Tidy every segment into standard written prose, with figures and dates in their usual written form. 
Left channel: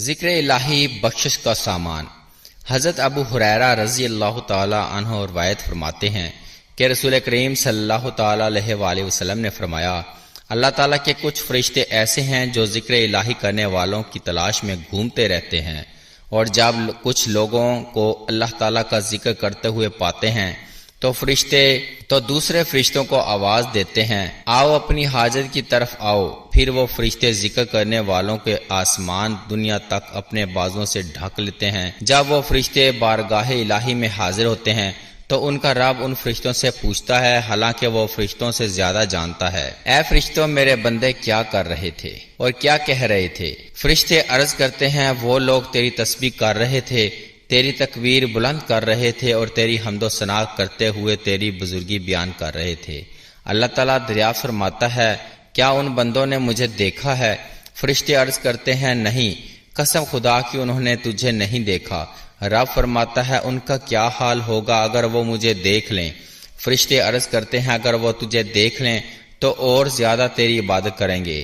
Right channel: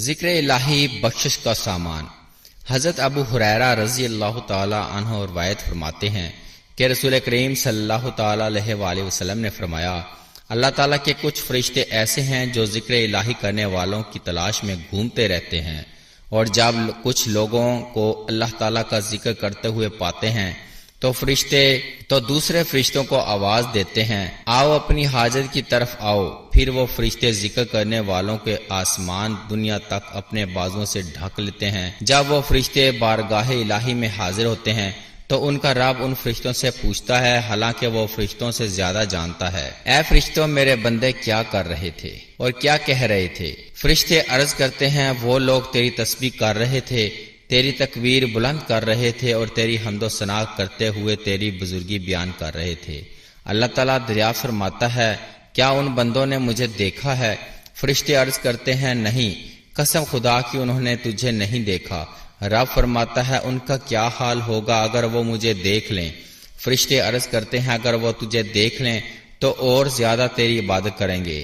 ذکر الہی بخشش کا سامان۔ حضرت ابو ہریرہ رضی اللہ تعالی عنہ روایت فرماتے ہیں کہ رسول کریم صلی اللہ تعالی علیہ وآلہ وسلم نے فرمایا، اللہ تعالیٰ کے کچھ فرشتے ایسے ہیں جو ذکر الہی کرنے والوں کی تلاش میں گھومتے رہتے ہیں، اور جب کچھ لوگوں کو اللہ تعالیٰ کا ذکر کرتے ہوئے پاتے ہیں تو فرشتے دوسرے فرشتوں کو آواز دیتے ہیں، آؤ اپنی حاجت کی طرف آؤ۔ پھر وہ فرشتے ذکر کرنے والوں کے آسمان دنیا تک اپنے بازوں سے ڈھک لیتے ہیں۔ جب وہ فرشتے بارگاہ الہی میں حاضر ہوتے ہیں تو ان کا رب ان فرشتوں سے پوچھتا ہے، حالانکہ وہ فرشتوں سے زیادہ جانتا ہے، اے فرشتوں میرے بندے کیا کر رہے تھے اور کیا کہہ رہے تھے؟ فرشتے عرض کرتے ہیں، وہ لوگ تیری تسبیح کر رہے تھے، تیری تکبیر بلند کر رہے تھے اور تیری حمد و ثنا کرتے ہوئے تیری بزرگی بیان کر رہے تھے۔ اللہ تعالیٰ دریافت فرماتا ہے، کیا ان بندوں نے مجھے دیکھا ہے؟ فرشتے عرض کرتے ہیں، نہیں، قسم خدا کی انہوں نے تجھے نہیں دیکھا۔ رب فرماتا ہے، ان کا کیا حال ہوگا اگر وہ مجھے دیکھ لیں؟ فرشتے عرض کرتے ہیں، اگر وہ تجھے دیکھ لیں تو اور زیادہ تیری عبادت کریں گے،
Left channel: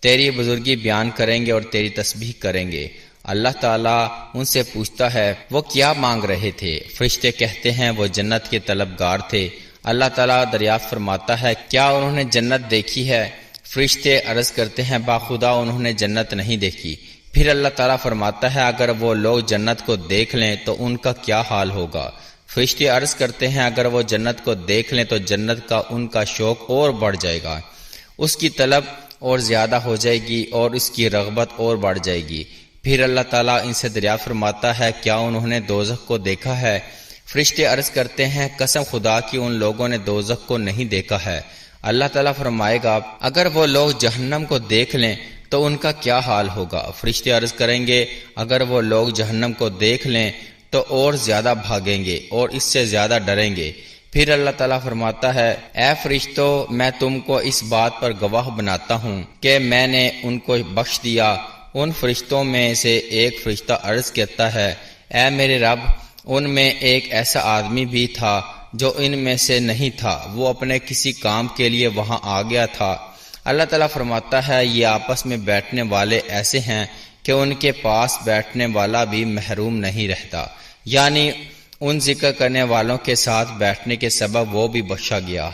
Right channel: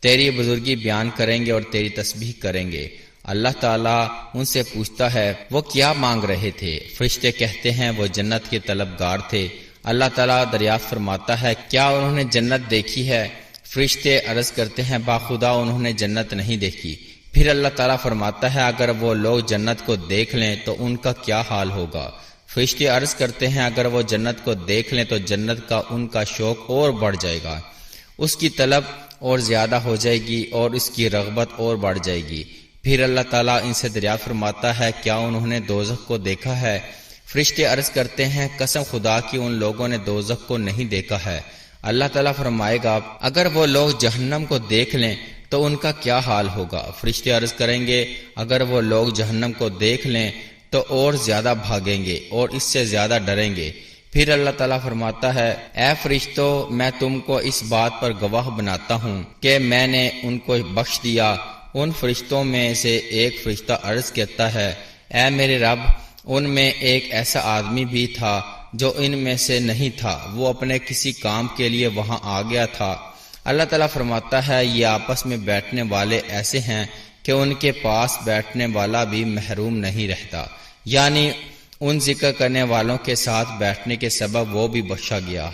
تیری بزرگی بیان کریں گے اور تیری تسبیح کریں گے۔ اللہ تعالیٰ ان سے پوچھتا ہے، وہ کیا مانگ رہے تھے؟ فرشتے کہتے ہیں، وہ جنت کے طلبگار تھے۔ اللہ تعالیٰ دریافت فرماتا ہے، کیا انہوں نے جنت دیکھی ہے؟ فرشتے عرض کرتے ہیں، باخدا انہوں نے جنت نہیں دیکھی۔ پھر اللہ تعالیٰ فرماتا ہے، اگر وہ لوگ جنت کو دیکھ لیں تو ان کا کیا حال ہوگا؟ فرشتے عرض کرتے ہیں، اگر وہ جنت کو دیکھ لیں تو جنت کا ان کا شوق اور بڑھ جائے گا، اس کی طلب اور زیادہ ہو جائے گی اور اس کی رغبت اور بڑھ جائے گی۔ پھر اللہ تعالیٰ ان سے دریافت فرماتا ہے، کیا انہوں نے دوزخ کو دیکھا ہے؟ فرشتے عرض کرتے ہیں، قسم خدا کی ان لوگوں نے دوزخ کو نہیں دیکھا ہے۔ اللہ تعالیٰ فرمائے گا، اگر وہ لوگ جہنم کو دیکھ لیں تو ان کا کیا حال ہوگا؟ فرشتے عرض کریں گے، اگر وہ لوگ جہنم کو دیکھ لیں تو اور زیادہ بھاگیں گے اور اس سے زیادہ ڈریں گے۔ پھر اللہ تعالیٰ فرماتا ہے، اے فرشتوں، میں تم کو اس بات پر گواہ بناتا ہوں کہ میں نے ان کو بخش دیا۔ ان فرشتوں میں سے ایک فرشتہ عرض کرتا ہے، اے میرے رب، ان میں ایک ایسا آدمی بھی تھا جو ان میں سے نہیں تھا، وہ اپنے کسی کام کے لیے وہاں آ گیا تھا۔ اللہ تعالیٰ فرماتا ہے، یہ آپس میں بیٹھنے والے ایسے ہیں کہ ان کے پاس بیٹھنے والا بھی محروم نہیں رہتا، یعنی ان ذکر کرنے والوں کے ساتھ بیٹھنے کے سبب وہ بھی بخشا گیا۔